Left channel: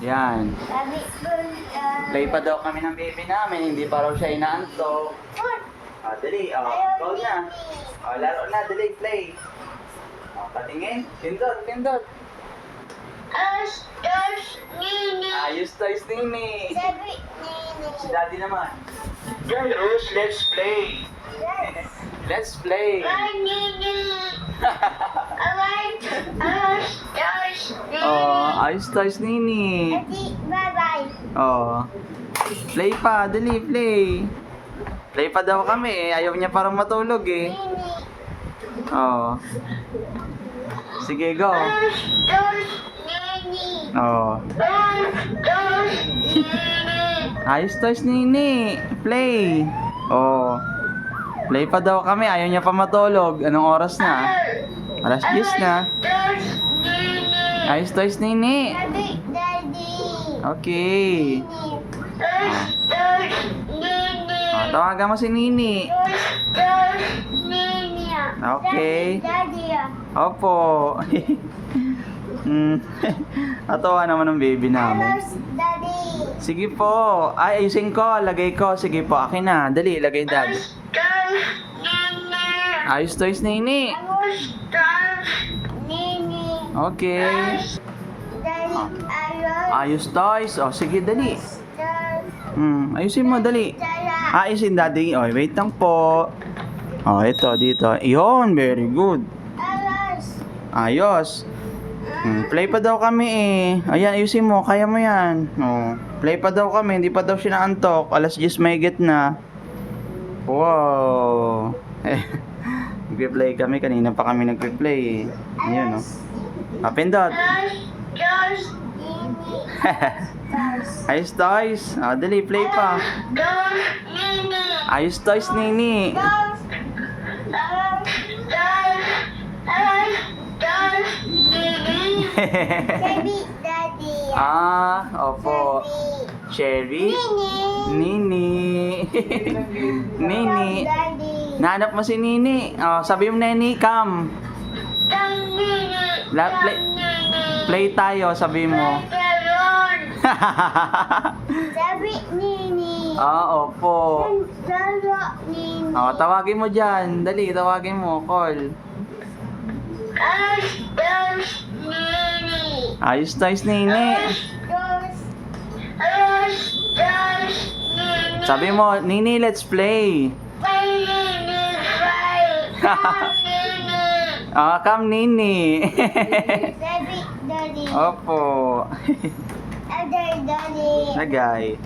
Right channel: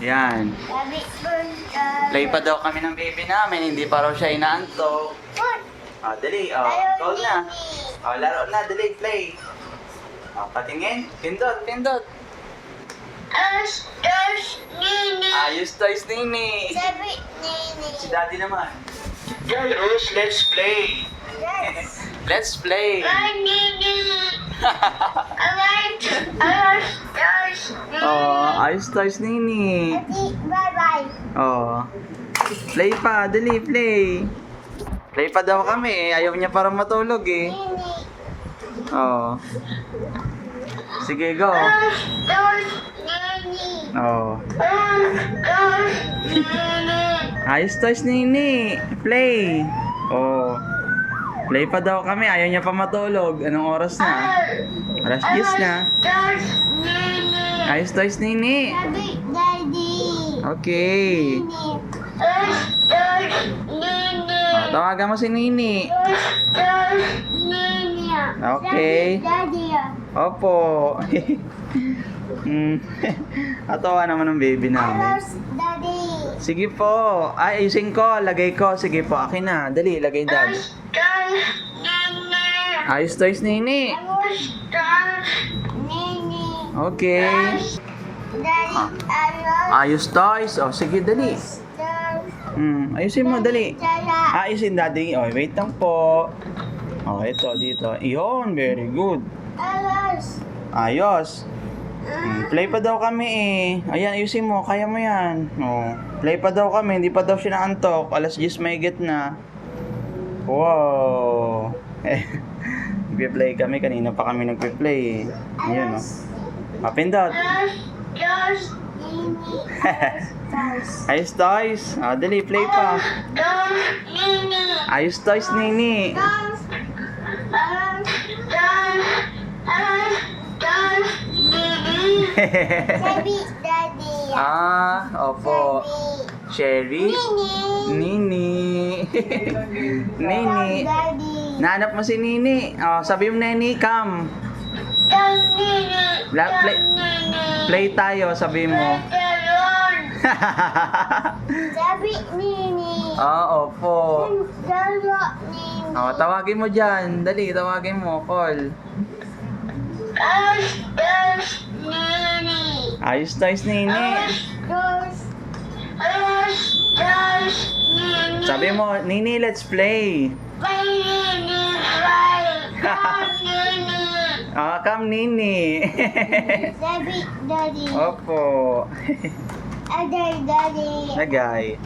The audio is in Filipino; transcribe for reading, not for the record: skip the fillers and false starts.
Yan. Play pa daw kami ng baby namin, hindi pa raw siya inaantok. Dali, call na. Laro na, dali, play. Patingin, pindot. Ayos toys, Nini. Si Daddy naman. Jairus, let's play. Let's play. Ayos toys, Nini. Play pa, dali, play. Play pa daw kami, ayaw niya parang matulog eh. Sige, go. Ayos toys, Nini. Play. Play pa daw kami, ayaw niya pa matulog. Anong oras na? Alas 10 na. Ayos toys, Nini. Okay. Tawagan mo si Nini. Okay. Opo. Atawa naman ng baby namin. Sige po. Ayusin ko. Lagay ko. Sige po. Akin na. Dali. Lagay Daddy. Ayos toys, Nini. Okay. Ayos toys. Sige, dali. Ayusin mo. Dali. Ayusin, Daddy. Wait lang po. Ito. Dito. Iyon. Very good. Ayos. Play pa daw kami eh. Ayan, ayusin mo. Kaya mo yan. Play pa daw kami. Hindi pa daw siya naantok. Alas 10 mahigit na. Wow. Nagpe-play kami. Kanina pa kami nagpe-play eh. Ayan Pindot. Ayos toys. Dali, play pa. Ayos toys, Nini. Daddy. Opo. Cherry. Nini. Nini. Nahanap mo si Nini. Sabi mo, Nini, come. Play tayo, sabi mo. Sabi Nini. Opo. Nini. Tawagin mo dyan. Dali, tawagin mo. Call. Ayos toys, Nini. Sabi mo, Nini, let's play. Come, Nini. Sabi Daddy. Opo. Daddy. Lagay.